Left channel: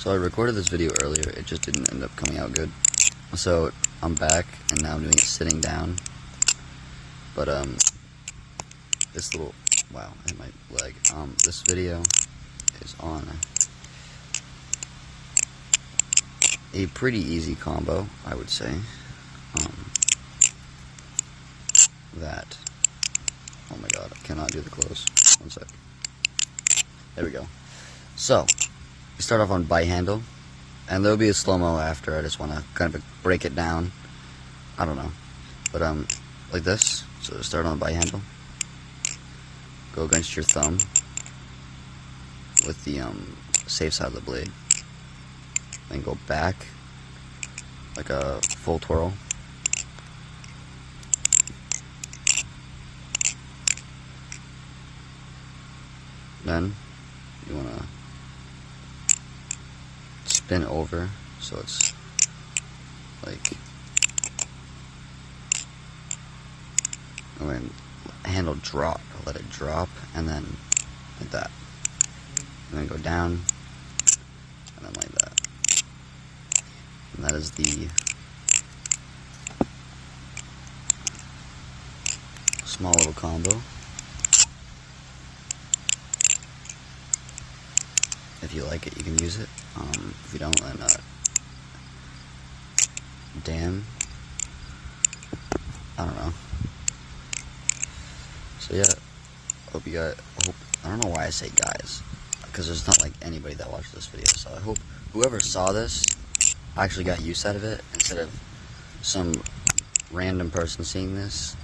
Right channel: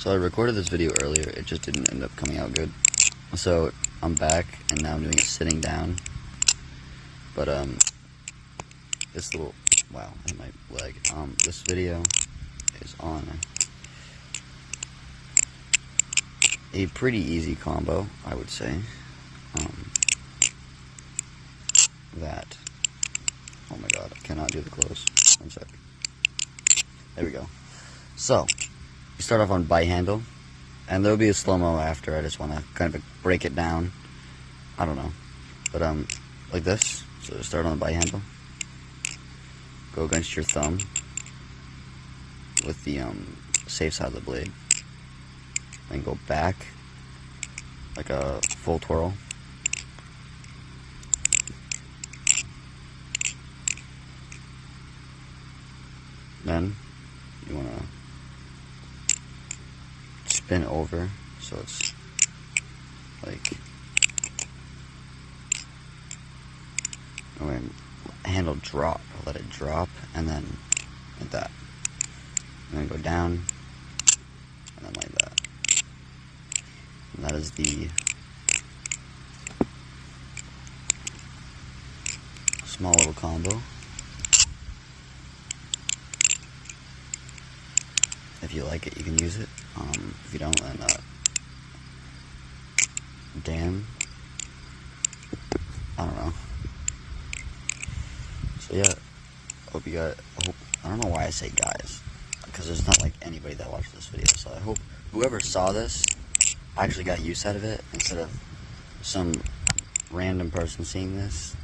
So I recorded this video earlier, it just didn't end up coming out good. So I'm back, and now I'm doing it sitting down. But this little, wow, I hit my leg. This video is on a pretty easy combo, I would say. That, oh my god, I cannot do the close. One sec. There we go. So, you start off on bite handle, and there'll be a slow-mo after. I just want to kind of break it down. I don't know. But, like this. So start on the bite handle. Go against your thumb with the, safe side of the blade. Then go back, like a full twirl. Then, you want to spin over, so it's like, and handle drop, let it drop, and then like that, and then go down, and then like that, and that is the small little combo. If you like it, you can use it. If you don't, then damn, I don't know. So yeah, hope you guys, I don't know why I say guys, because there's not like anybody that watched this video, so I hope whoever saw this actually got use out of it, instead of some random person seeing this.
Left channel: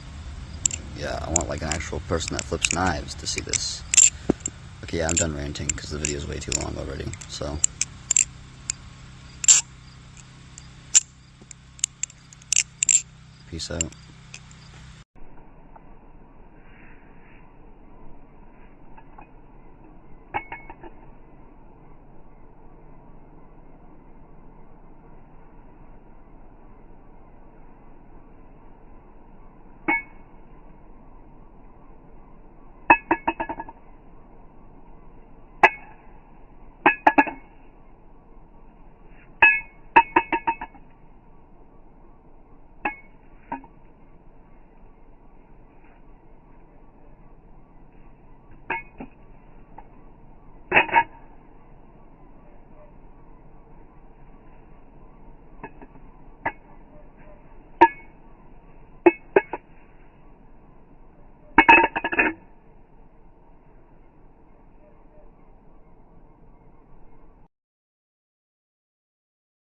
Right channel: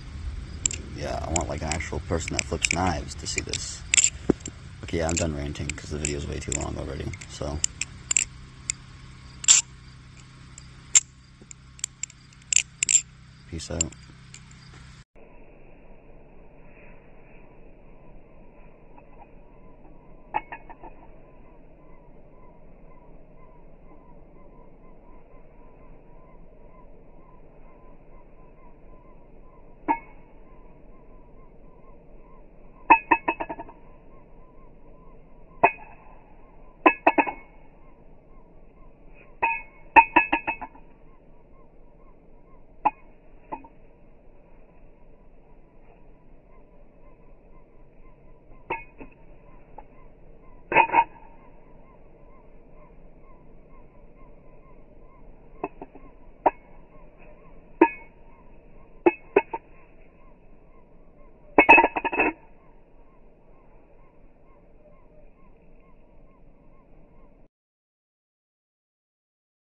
Yeah, I want like an actual person that flips knives to see this. Okay, yeah, I'm done ranting, because the video is way too long already, so. Peace out.